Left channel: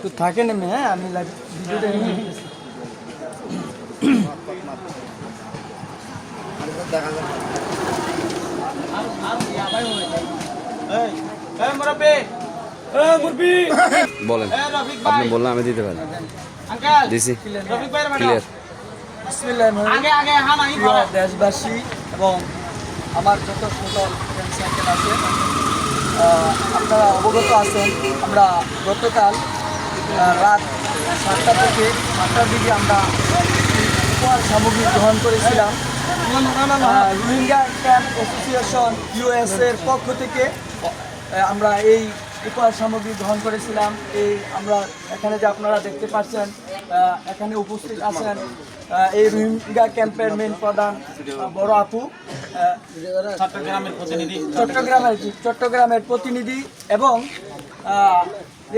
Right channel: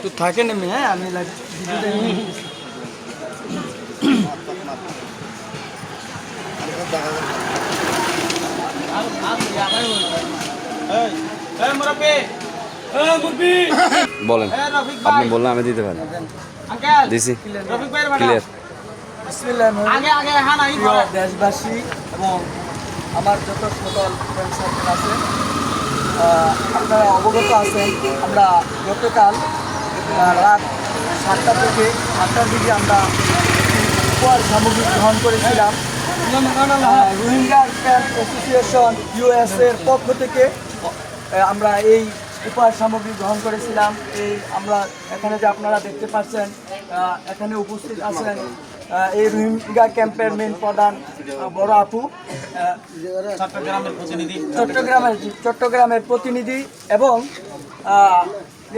তো থাকে নেমে হ্যাঁ আমি লাগ- ভিডিওটা বলেন আপনি বললেন আমি দিতে পারি। দিছি। ক্লিয়ার। প্রিয় দেশবাসী এবং আমার যত সকল আছে আপনারা অবগত আছেন আমরা গতকাল রাত সাতটা থেকে আটটার দিকে আমরা উপহার সামগ্রী গ্রহণ করেছিলাম। রোহিঙ্গা ক্যাম্প অ্যাসোসিয়েশন ইউএসএর পক্ষ থেকে আমরা এই উপহার সামগ্রী গ্রহণ করেছিলাম। এই আমরা এখানে যে আপনারা দেখতে পাচ্ছেন এখানে উপস্থিত আছেন এই রোহিঙ্গা ক্যাম্পের মেন প্রধান বড় আপু চট্টগ্রামের চট্টগ্রামের প্রতিনিধি এবং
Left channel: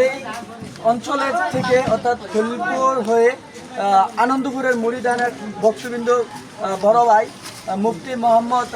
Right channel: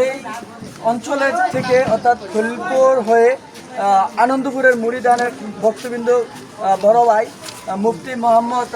এই অঞ্চলের থেকে অর্থাৎ খলিলপুর হয়ে আনন্দপুরের মুড়িদানের ভক্তবৃন্দ বড় ভাই মুফতি মোহাম্মদ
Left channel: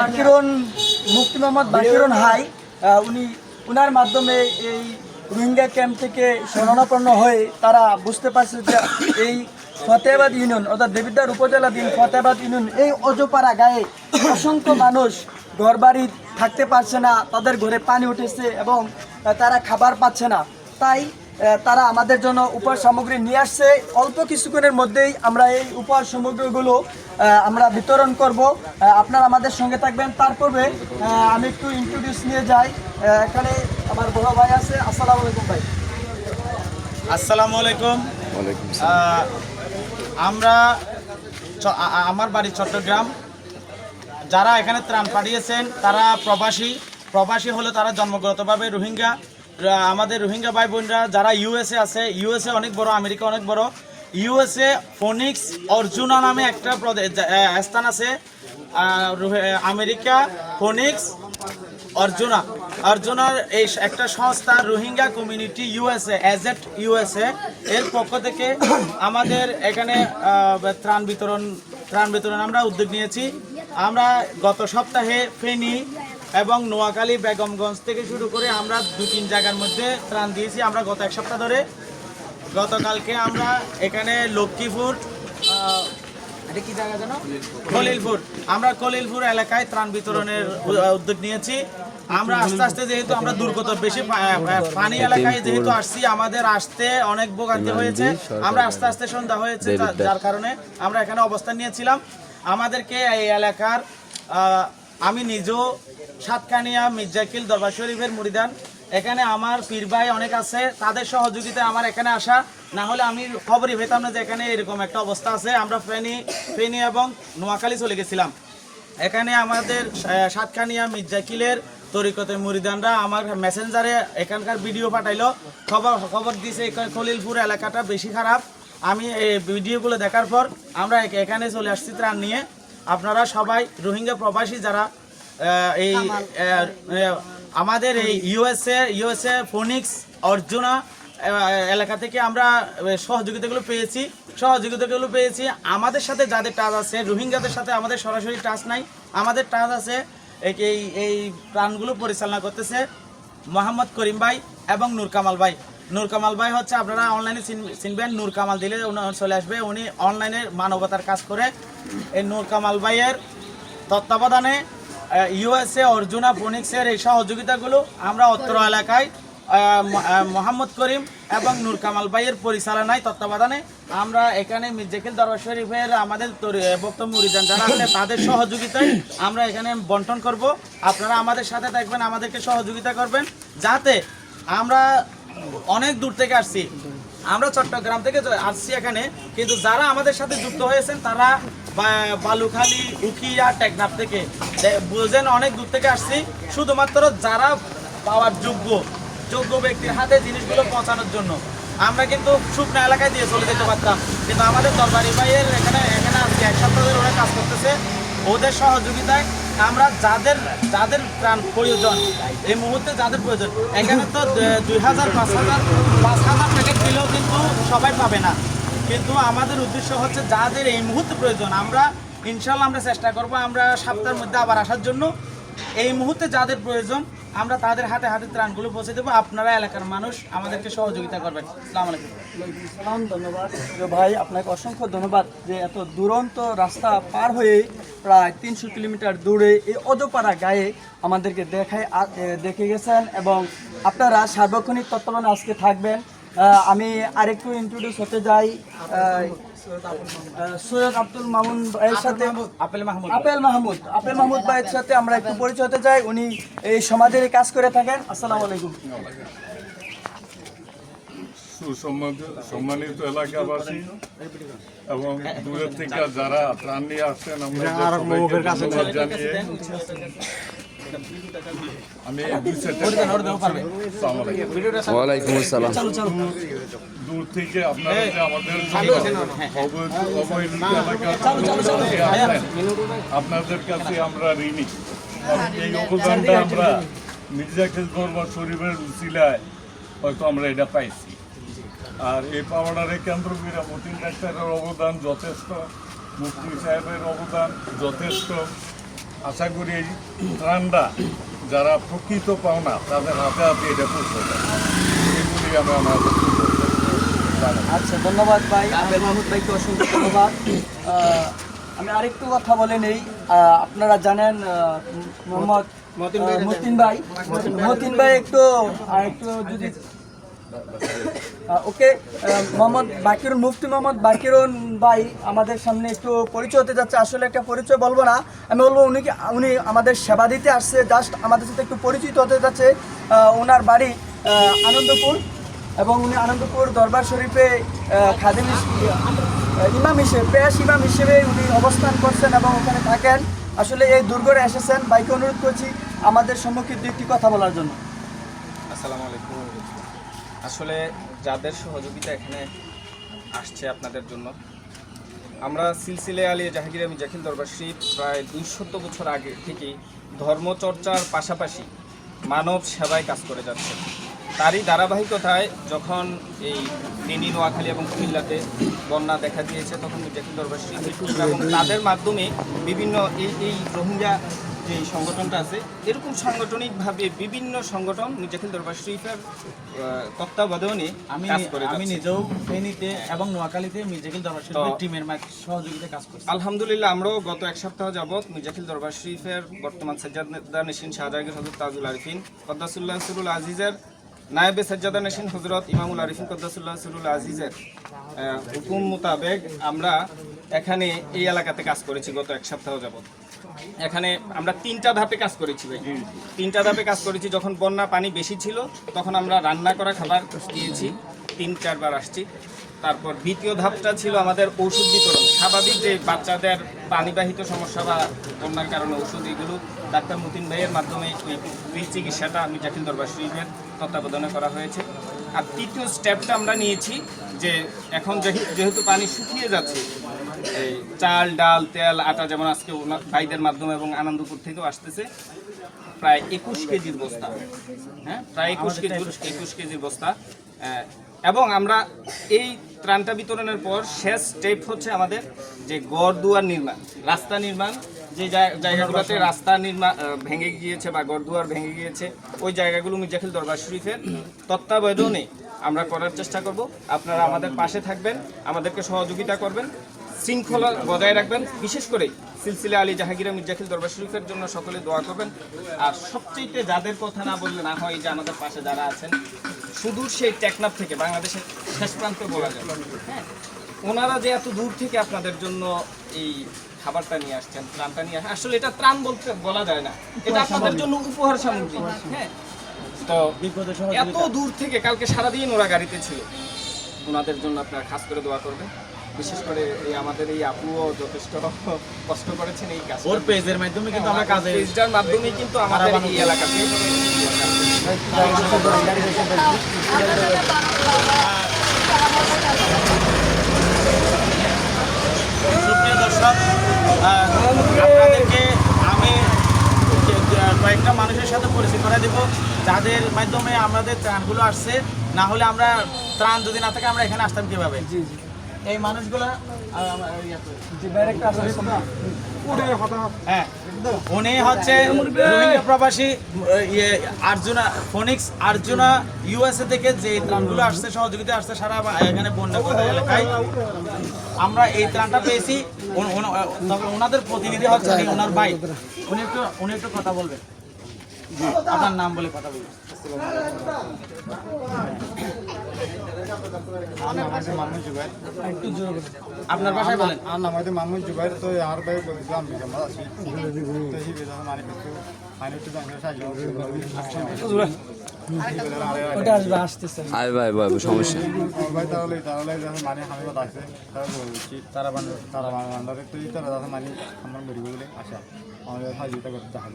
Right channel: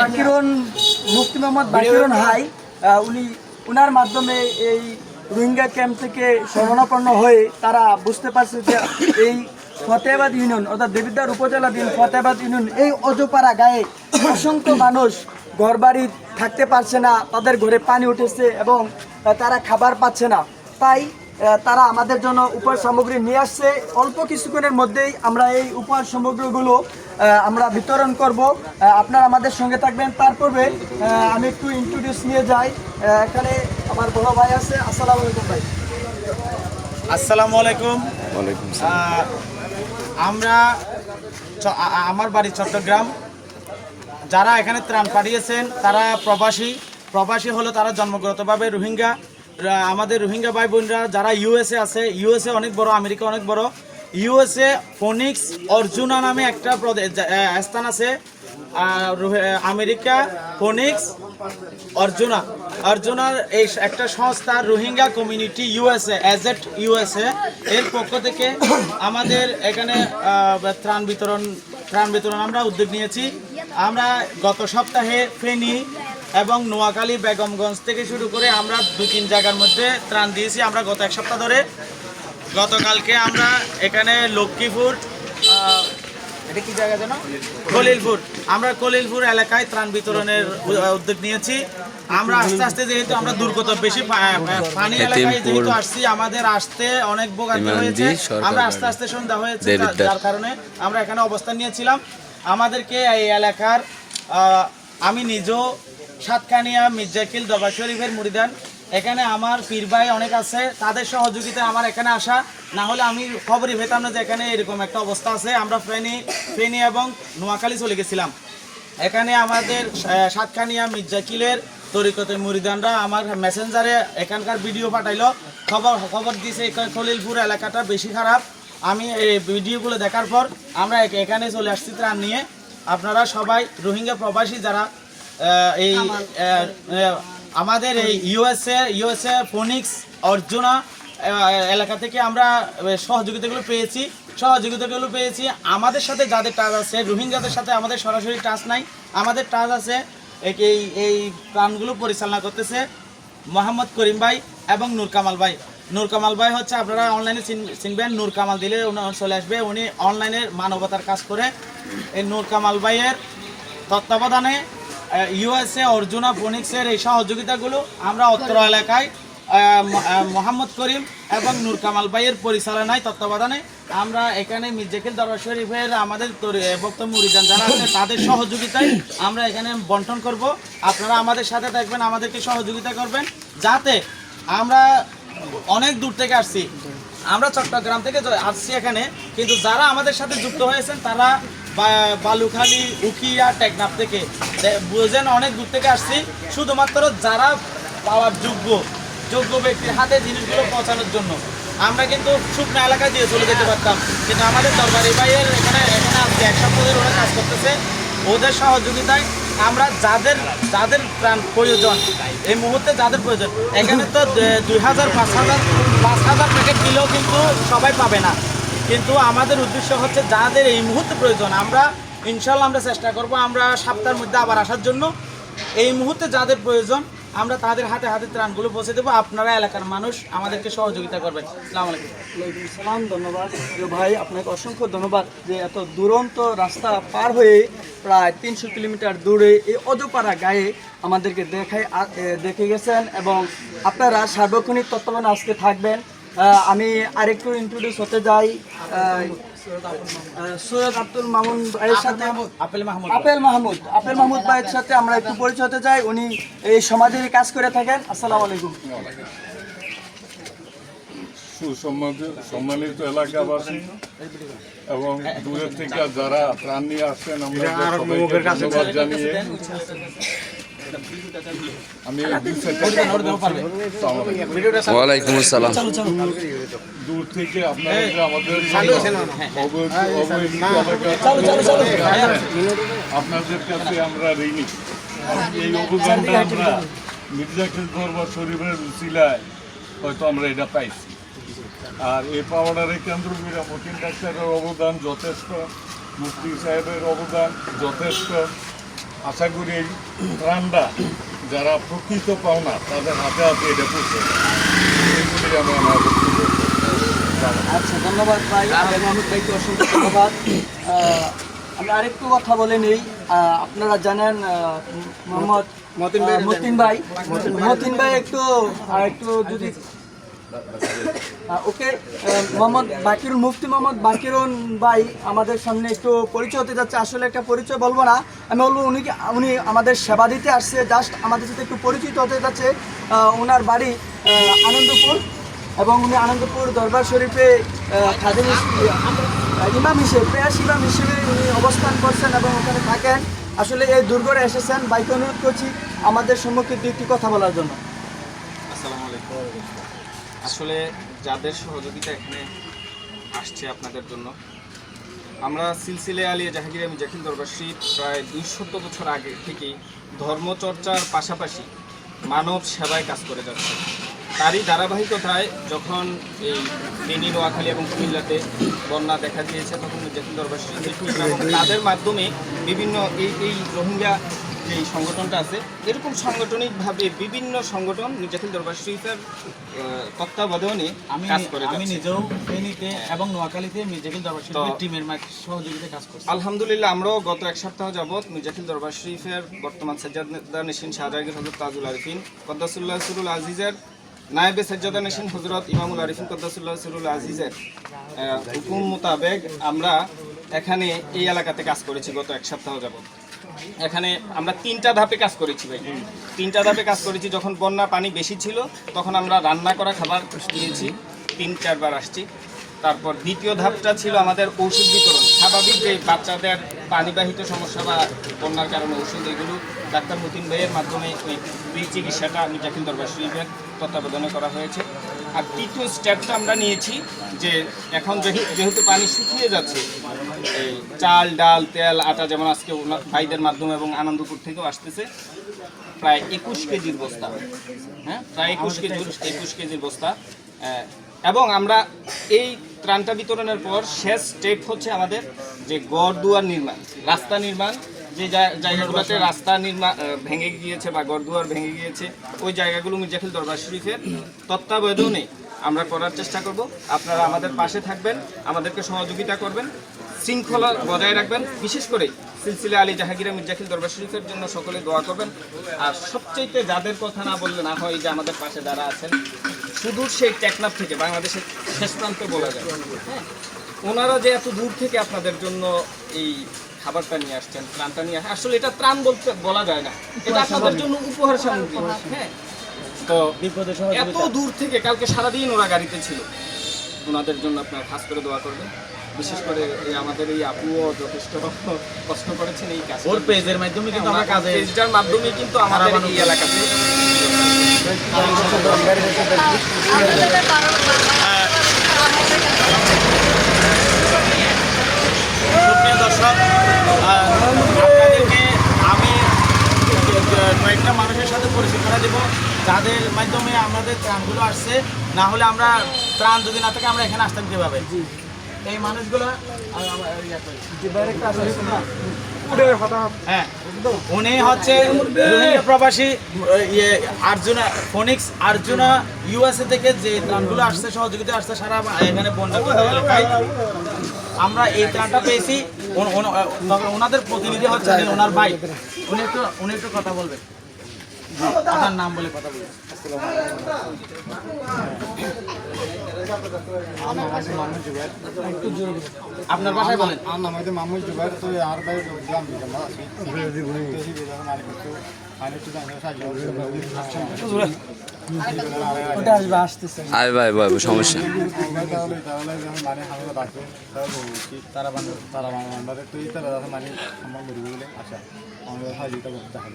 বাকিরুন মুফতি মোহাম্মদ বাকিরুন হাই উনি, উনার মাধ্যমে এই রোহিঙ্গা ক্যাম্প থেকে শরণাপন্ন হয়ে তারা বুঝতে পারছে যে এই ফতেহাবাদ ইউনিয়ন, অর্থাৎ দেবিদ্বার উপজেলাধীন ফতেহাবাদ ইউনিয়ন, এই অজপাড়া গায়ে অসংখ্য মানুষ ঘরবাড়ি থাকতে পারছে না, তাদের ঘরে পানি উঠেছে এবং তারা খাবার পাচ্ছে না। তাই তারা আমাদের জন্য উপহার সামগ্রী নিয়ে আসছে। অল্প কিছুক্ষণের মধ্যেই আমরা এই উপহার সামগ্রীগুলো আমরা বিতরণ করব। আপনারা আমাদের সঙ্গে থাকবেন। তার পূর্বে আহ, আমি একটু ইন্ট্রোডিউস নিয়ে যাই। এখানে আমার বড় ভাই আছে। আসসালামু আলাইকুম ভাই। আসসালামু আলাইকুম। ওয়ালাইকুম আসসালাম। আহ, আমরা আমার বাড়ি চট্টগ্রাম। যারা এখানে ত্রাণ পাঠিয়েছেন তারা প্রবাসী। প্রবাসী হলো তারা জন্মগতভাবে রোহিঙ্গা। আমাদের রোহিঙ্গা ভাই বোনরা যারা ইউএসএ আছে ইউএসএ অনেক বড়, আমেরিকা অনেক বড় ইউএসএ ফোনিক্স অর্জুনা নামে একটা স্থান আছে। আমেরিকা ফোনিক্স অর্জুনা অর্জুনার এই একটা সংস্থা রোহিঙ্গা কমিউনিটি ইউএসএ এজেট ইউএসএ এর পক্ষ থেকে আমাদের এখানে ত্রাণ বিতরণ ত্রাণ বিতরণ আমরা উদ্যোগ নিয়েছি। আমরা গত সপ্তাহে ফেনী এবং নোয়াখালী বেগমগঞ্জ থেকে শুরু করে আমরা দু তিন জায়গার মধ্যে ত্রাণ দিয়েছি। আমরা গত এক সপ্তাহ ধরে গতকালকে আমরা এখানে লক্ষ্মীপুর এটা কি জায়গা যেন? কলিলপুর। আমরা কলিলপুর এলাকায় ত্রাণ বিতরণের উদ্যোগ নিয়েছি। আমরা আস্তে আস্তে যেহেতু আমরা দুর্গত বেশি পানি এলাকায় যেহেতু আসছি আমাদের আসতে অনেক ভোগান্তি হয়েছে। আমরা আস্তে আস্তে সন্ধ্যা হয়েছে যার কারণে আমরা এখানে অবস্থান নিয়েছিলাম। আমাদেরকে এই এলাকার আমি নিজেও সাতকানিয়া মির্জাকিল দরবার শরীফের মুড়িদান এখানে আমার পীর ভাই অনেক আছে, তাদের সহযোগিতায় আমার এখানে আসা। না হলে আমি খবরই পেতাম না যে এখানে এরকম একটা অবস্থা আছে। আমরা ফেনি, ফেনী এবং নোয়াখালী চলে গেছিলাম। এখানে আমাদের সাতকানিয়া মির্জাকিলের তরিকতে মুরিদানরা আমার মেসেঞ্জারে এখানকার ভিডিও পাঠাইলো। খবর খবর দিয়েছে খলিলপুর এলাকাটা বেশি খারাপ। আমি এই ভিডিওগুলো দেখার পর আমরা এখ- এখানে চলে আসছি ত্রাণ নিয়ে। আপনারা সবাই রোহিঙ্গা প্রবাসী যারা এই আহ, আমাদের এই ইউএসএ ইউএসএ ফোনিক্স অর্জুনা এলাকা থেকে আমরা সহযোগিতাগুলো পেয়েছি। সহযোগিতাগুলো পেয়েছি। আমাদের সাথে যাদের টাচ আছে রোহিঙ্গাদের সাথে আমাদের সরাসরি টাচ নাই। আমাদের টাচ আছে এই এই- প্রাণগুলো পরিচালনা করতেছে মোহাম্মদ করিম ভাই এবং নূর কামাল ভাই। নূর কামাল ভাই হচ্ছে আপনারা অনলাইনে চিনবেন নূর কামাল দিলে উনি চলে আসবে। উনি অনলাইনে মানবতার কাজ করে। এই নূর কামাল ভাইয়ের তত্ত্বাবধানে ইউএসএ অর্জুনা, ফোনিক্সের এই সহযোগিতাগুলো আমরা অত্র এলাকায় মোহাম্মদ করিম এবং নূর কামাল ভাইয়ের পরিচালনায়, তত্ত্বাবধানে আমরা এখানে মির্জাকিল দরবার শরীফের আমাদের বক্তব্য মুরিদান যারা আছে, তাদের সহযোগিতায় আমরা এখানে বন্টন করব। আপনারা আমাদের সাথে থাকবেন, আমাদেরকে সহযোগিতা করবেন, যাতে আমরা অনেক দূর থেকে আসছি। আমরা চট্টগ্রাম থেকে আসছি এখানে, কিন্তু যারা আমাদের সাথে যুক্ত হয়েছেন, তারা বালুখালী, উকিয়া, টেকনাফ থেকে। বুঝেন অনেক দূর থেকে আসছি। শুধুমাত্র যারা পাওয়ার যোগ্য যোগ্য ব্যক্তির হাতে জিনিসগুলো পৌঁছানোর জন্য। আমরা কিন্তু শুকনো এলাকায় দিয়ে চলে যেতে পারতাম। কিন্তু আমাদের দরবারি ভাইয়ের এখানে এখানে আজকে এক সপ্তাহ ধরে ওরা কাজ করতেছে। ওদের সহযোগিতায় আমরা যাদের যাদের প্রাণ প্রয়োজন, এই মুহূর্তে যাদের প্রয়োজন, এখানে তো দুই হাজার, পাঁচ হাজার পাঁচ হাজার প্যাকেট দিলেও কিন্তু সবাই পাবে না। কিন্তু আমাদের উদ্দেশ্য হচ্ছে যাদের এই মুহূর্তে প্রয়োজন, আমরা ইনশাল্লাহ আমরা চেষ্টা করব আমরা সপ্তাহের মধ্যে আবার আসার জন্য। এই মুহূর্তে যাদের প্রয়োজন, আমরা তাদের হাতে হাতে ত্রাণগুলো পৌঁছে দেবো। আপনারা এলাকার মানুষ আমাদেরকে সহযোগিতা করবেন। আসসালামু আলাইকুম। সালাম, ধন্যবাদ। ভাই, আপনাকে অসংখ্য ধন্যবাদ যে এত দুরন্ত রাস্তা পার হয়ে প্রায় তিনশো কিলোমিটার দূরে এই অজপাড়া গায়ে আমাদেরকে দেখায় দেখে গেছেন এবং আপনারা সার্বক্ষণিক তত্ত্বাবধানে আজকে থাকবেন। আমি আরেকটু ইন্ট্রোডিউস হতে যাই। সৈয়দ আব্দুল মামুন ভাইয়ের সাথে। আপেল মাহমুদ। আপেল মাহমুদ। আপেল মাহমুদ ভাইয়ের সাথে আমরা একটু পরিচয় হতে যাই উনি এই সমাজের কাজ করে থাকেন। আসসালামু আলাইকুম। সম্মানিত এলাকাবাসী এবং দূরের থেকে যারা প্রাণ নিয়ে আসছেন আমরা ধন্যবাদ জানিয়ে ওয়ালাইকুম আসসালাম। দূর থেকে আপনারা আমাদের আপনাদের কাছে আমরা ঋণী। এই অবদানটা আমরা শরীফের উচিলায় হয়তো আমরা এটা পাইছি। আর এই পাওয়াটারে কেন্দ্র করে মতিন ডাক্তারের অবদান যথেষ্ট মুফতি সাহেবের অবদান যথেষ্ট। আশা করি এই ত্রাণটা যারা প্রকৃত পাওনা তাদের হাতে হাতে এটা পৌঁছে এগুলি আমি আমার আচ্ছা ধন্যবাদ ভাই। মাহমুদ ভাইকে অসংখ্য ধন্যবাদ। আমি আরেকটু কথা বলে নেই। আপনারা জানেন মোহাম্মদ মতিন ভাই মতিন ভাই। একটু আর একটু যদি ওকে মোহাম্মদ বাকিরুন মুফতি মোহাম্মদ বাকিরুন ভাই আমাদের সামনে একটু পরিচয় হতে যাচ্ছে। আসলে একটা পরিচয় বলব না, আমি বলব উনি উনি আমাদের সেবা দিতে আসছে জাস্ট আমাদের সাথে একটু পরিচিত হতে যাচ্ছে। ওনার বাড়ি আনন্দপুর এবং উনি আনন্দপুর দরবার শরীফে খাদিম ইমাম হিসেবে পেশ ইমাম হিসেবে উনি অবস্থান করছেন এবং ওখানে থাকেন। আসলে এই দুর্গরে এসেছেন, বাইকে অনুরোধ করছি আমাদের সম্মুখে দুইটি কথা বলার জন্য। আসসালামু আলাইকুম। আসলে যাদের সহযোগিতা এখানে আসছে আপনাদের জন্য, আমরা সিলসিলে আলী জাহাঙ্গীর আমি জাকিল দরবার শরীফ প্রায় দুইশত বছর আগে থেকেই ধর্মচর্চার পাশাপাশি মানব সেবায় কাজ করে যাচ্ছে। তারই ধারাবাহিকতায় যখন এই ফেনী, নোয়াখালী এবং কুমিল্লাতে বন্যা দেখা দিয়েছে, তখন শরীফ এবং তাদের মাধ্যমে বিভিন্ন এই এই রোহিঙ্গা যে সংগঠনটা আছে এরকম সাংগঠনিকভাবে বিভিন্ন সংগঠন জাকিল দরবার শরীফের তত্ত্বাবধানে আমি আমি নিজেও ফেনীতে এবং নোয়াখালীতে মির্জাকিল দরবার শরীফের টিমের সহযোগিতায় কাজ করছি। আলহামদুলিল্লাহ আমরাও গত এক সপ্তাহ যাবৎ মির্জাফিল দরবার শরীফের বর্তমান সজ্জাদা নেশিন শাহজাহাঙ্গীর হজরত তাজুল আরিফিন কদ্দাসুল্লাহ সুরুল আজিজের নায়েবে সজ্জাদা নেশিন হজরত ইমামুল আরিফিন কদ্দাসুল্লাহ সুরুল আজিজের হুকুম মোতাবেক আমরা এখানে এই এলাকাতে কাজ করেছি গত এক সপ্তাহ যাবৎ। এখানে আমরা তিনটা ধাপে কাজ করেছি ভাই। তিনটা ধাপে কাজ করেছি, যখন বন্যা পানি বেশি ছিল, তখন আমরা রান্না করা খাবার দিয়েছি। তিন, চারবার আসছি। তারপর দ্বিতীয় ধাপটা ছিল আমাদের ঔষধ বিতরণ। স্বাভাবিক যে বাচ্চাদের পানিবাহিত সমস্যা বা বন্যার কারণে ওষুধ এগুলো ডাক্তার মতিন ভাইয়ের মাধ্যমে ওই চিকিৎসাটা আমি জাকিল দরবার শরীফের তত্ত্বাবধানে করা হয়েছে। আর তৃতীয় স্টেপটা আমরা নিয়েছি যে এখন যেহে- যেহেতু পানি শুকিয়ে যাচ্ছে এই চাল ডাল তেল আটা যেমন আজকে ভাইদের মাধ্যমে এবং আনন্দপুর থেকেও আসতেছে প্রায় একুশ কেজির বস্তা হ্যাঁ? প্রায় একুশ কেজির একুশ কেজির বস্তা এবং আমরা এই ত্রাণটা বিতরণের পর শেষ স্টেপ হচ্ছে আমাদের যে গড় দুয়ার নির্মাণ রাস্তা নির্মাণ যে জায়গাগুলোতে রাস্তা নির্মাণ ভেঙে গিয়েছে বা গড় দুয়ার ভেঙে গিয়েছে, ওই জায়গাগুলো মির্জাখিল দরবার শরীফের তত্ত্বাবধানে আমরা করার চেষ্টা করব। আপনারা আমাদের পাশে থাকবেন, আমাদেরকে সহযোগিতা করবেন, শৃঙ্খলা বজায় রাখবেন, বিশেষ করে সিলসিলা আলী জাহাঙ্গীর মির্জাখিল দরবার শরীফের জন্য সকলে দোয়া করবেন। আর সবচেয়ে যাদের কথা না বললে না হয় যে আমাদের পাশে যারা আছেন সুদূর সেই টেকনাফ থেকে, বাংলাদেশের শেষ প্রান্তে বলা যায়। হ্যাঁ ওনারা যে এত দূর থেকে আপনাদের জন্য এই খাবারটা নিয়ে আসছেন ত্রাণটা নিয়ে আসলে এটা ত্রাণ বলতে বলা যায় না। এটা আপনাদের জন্য উপহার সামগ্রী হ্যাঁ। তো এত দূর থেকে কালকে সারাদিন ওরা গাড়িতে ছিল। ওনাদের জন্য আপনারা খাস করে দোয়া করবেন। বিশেষ করে এই আমাদের এই আপুও যথেষ্ট কষ্ট করেছেন এই কাজ ওর পেজের মাধ্যমে কিন্তু আমরা কাজে পেজটার মাধ্যমে কিন্তু আমাদের এই এলাকাতে দর্শক আপনাদেরকে আমি কয়েকটা মানুষের সাথে পরিচয় করে দেব যাদের মাধ্যমে আমাদের ত্রাণগুলো আসছে। না হলে আমরা ত্রাণ যদি না থাকে আমরা এখানে আসতাম কীভাবে? এই মানুষগুলো। হ্যাঁ উনি হচ্ছে রোহিঙ্গা প্রবাসী ইয়ে আর্জুনা ফোনিক্স আর্জুনা ইউএসএ থেকে যে ত্রাণগুলো আসছে সহযোগিতা আসছে সারা এখানে বন্যা এলাকায়। আমরা এই ত্রাণটা পেয়েছি। তবে ওনাদের প্রতিনিধি হচ্ছে ওনার ভাই। উনি একটু উনি একটু কথা বলবেন। আপনার নাম বলে কথা বলবেন। আপনার বাসায় বলেন। আর নাম হয়তো মামুন জুবাইর তো আর ভাই গ্রাম বিজাম আছি। ভাই ভাই সমস্যা। বলছি তারা তারা তুই তারা মানে আমার মরি বলে আশা আমাদের সাহায্যতা করতে দেখা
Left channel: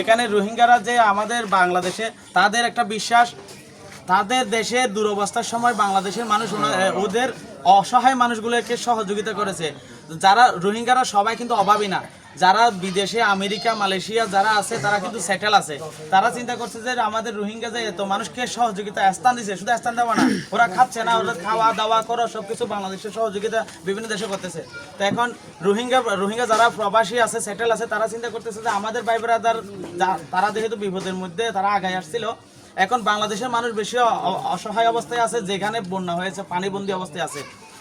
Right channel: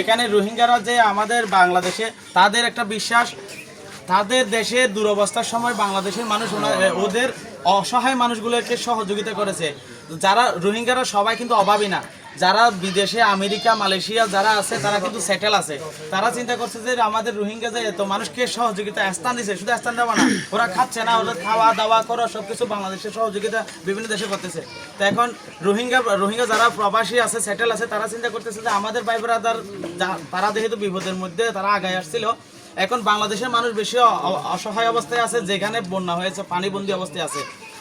এখানে রোহিঙ্গারা যে আমাদের বাংলাদেশে, তাদের একটা বিশ্বাস, তাদের দেশে দুরবস্থার সময় বাংলাদেশের মানুষ ওদের অসহায় মানুষগুলোকে সহযোগিতা করেছে। যারা রোহিঙ্গারা সবাই কিন্তু অভাবী না। যারা বিদেশে, আমেরিকা, মালয়েশিয়া যারা আছে, তারা কিন্তু সেটেল আছে। তারা চিন্তা করছে যে আমাদের রোহিঙ্গা যে এত মানুষকে সহযোগিতা স্থান দিছে, শুধু স্থান দেওয়া না, ওরা খাচ্ছে না ওরা খাওয়া দাওয়া করো, সবকিছু বাংলাদেশের সহযোগিতা বিভিন্ন দেশে করতেছে। তো এখন রোহিঙ্গা রোহিঙ্গা যারা প্রবাসী আছে সেটেল আছে, তারা চিন্তা করতেছে যে আমাদের ভাই ব্রাদার তারা যেহেতু বিপদের মধ্যে, তারা আগায় আসছিল, এখন বাংলাদেশের মানুষ বেশি অসহায় অবস্থায় আছে, যেখানে বন্যা হয়েছে, পানিবন্দী অবস্থায় আছে।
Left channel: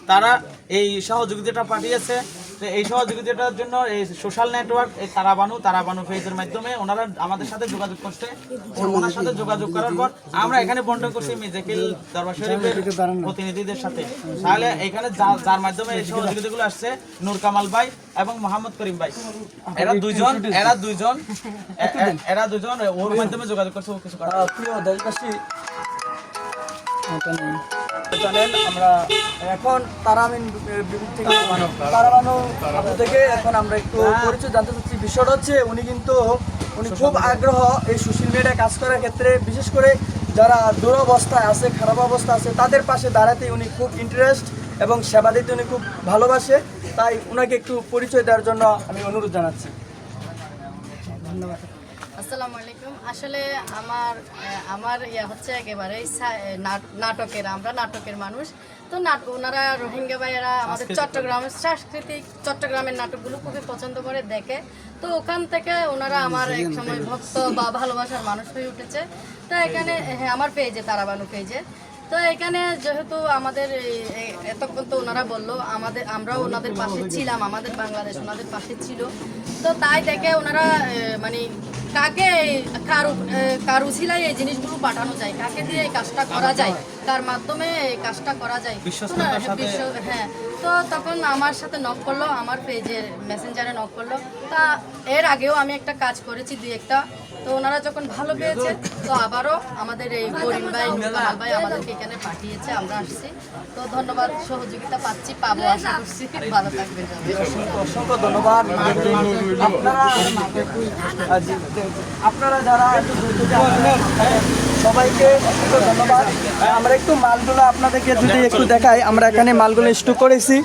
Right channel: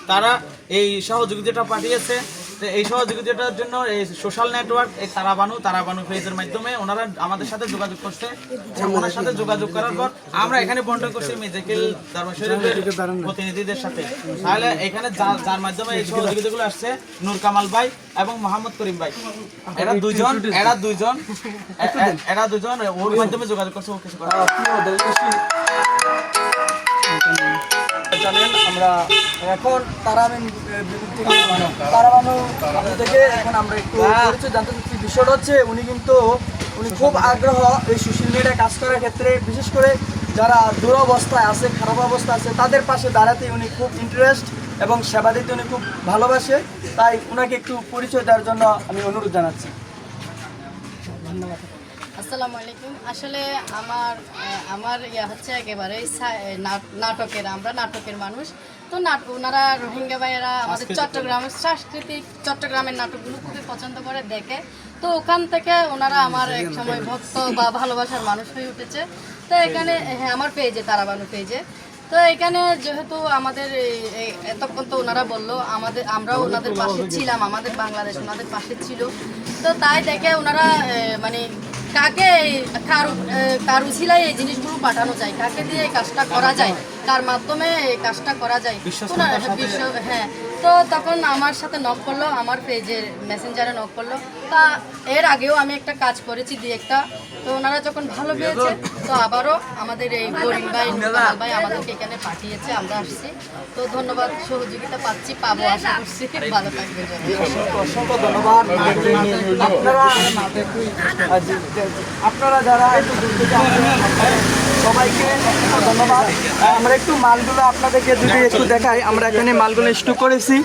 তারা এই সহযোগিতাটা পাঠিয়েছে এই সহযোগিতাটার জন্য এই সোশ্যাল নেটওয়ার্ক এই তারাবানু তারাবানু পেজের মাধ্যমে ওনারা আমাদের সাথে যোগাযোগ করছে। ওনার সাথে যোগাযোগ করার পর আমরা এখানে বন্টন করছি মেজাকিল দরবার শরীফের প্রতিনিধিদের সাথে। তাহলে এখানে যার মাধ্যমে এই সহযোগিতাগুলো আসছে, নূর কামাল ভাই এবং মোহাম্মদ করিম ভাই। এরা দুইজন, এরা এ- এরা দুজন ওর মাধ্যমে যোগাযোগ করছে ও কিছু করে জানেন আমরা এখন তারাবিন থেকে তারাবানু আপনি থেকে এখন আমরা একটু পরিচয় জানতে চাচ্ছি। বিষয়টা হচ্ছে উনি কিন্তু উনি খুব আগ্রহ এই সোশ্যাল মিডিয়ায় কাজ করার ক্ষেত্রে বিশেষ করে যারা দুরবস্থায় আছে খারাপ অবস্থা আছে তাদের পাশে দাঁড়াতে উনি খুব ইন্টারেস্ট এবং সেবা দিতে উনি খুব ভালোবাসে। তাই ওনাকে একটু পরিচয় দেওয়ার জন্য আমি অনুরোধ জানাচ্ছি। আসসালামু আলাইকুম। আসলে আমার আমার ইয়া হচ্ছে একেবারে নাটকের আমরা নাটকের মানুষ। তো নাট ওনারা রোহিঙ্গা ভাইয়েরা আমাদের চট্টগ্রামের সাংস্কৃতিক চট্টগ্রামের নাটকগুলো খুবই পছন্দ করে দেখে। তো ওখান থেকে ওনারা আমার এক সময় ভক্ত বা ভালোবাসার মানুষ হয়ে উঠেছে। তো এখানে হ্যাঁ আমার পেজে তারাবানু পেজে তো এখানে যেহেতু আমাদের এতক্ষণ তো ওনারা বলল আমাদের আমরাও ওনাদের পাশে ছিলাম আমাদের বাংলাদেশ ওনাদের পাশে ছিল। তো তাই দেখে ওনারা মানে কাকে কারু কারু উছিলায় এই জিনিসগুলো পাঠানো যায় কাকে দিয়ে এই কাজটা করা যায় কার মাধ্যমে এই কাজটা করা যায়। হ্যাঁ তো তখন আমার সাথে নক করল আমার পেজের মেসেঞ্জারে নক করল। তা এর আগেও আমি একটা কাজ করেছি দুই একটা। তো ওনারা যখন ভালো পেয়েছে তো আবারও আমাদের এই করিম ভাই নুরুল ভাই আমাদেরকে এখানে পাঠিয়েছে আমরা আসছি। তো ধন্যবাদ সহযোগিতা পাচ্ছি পাবো আশা করছি। ভালো থাকবেন অসংখ্য ধন্যবাদ। আপনারা যারা সবাইকে ধন্যবাদ। আমরা একটু মালগুলো আপনাদেরকে যদি একটু দেখাই। আমরা এখানে মালগুলো স্টক করেছি।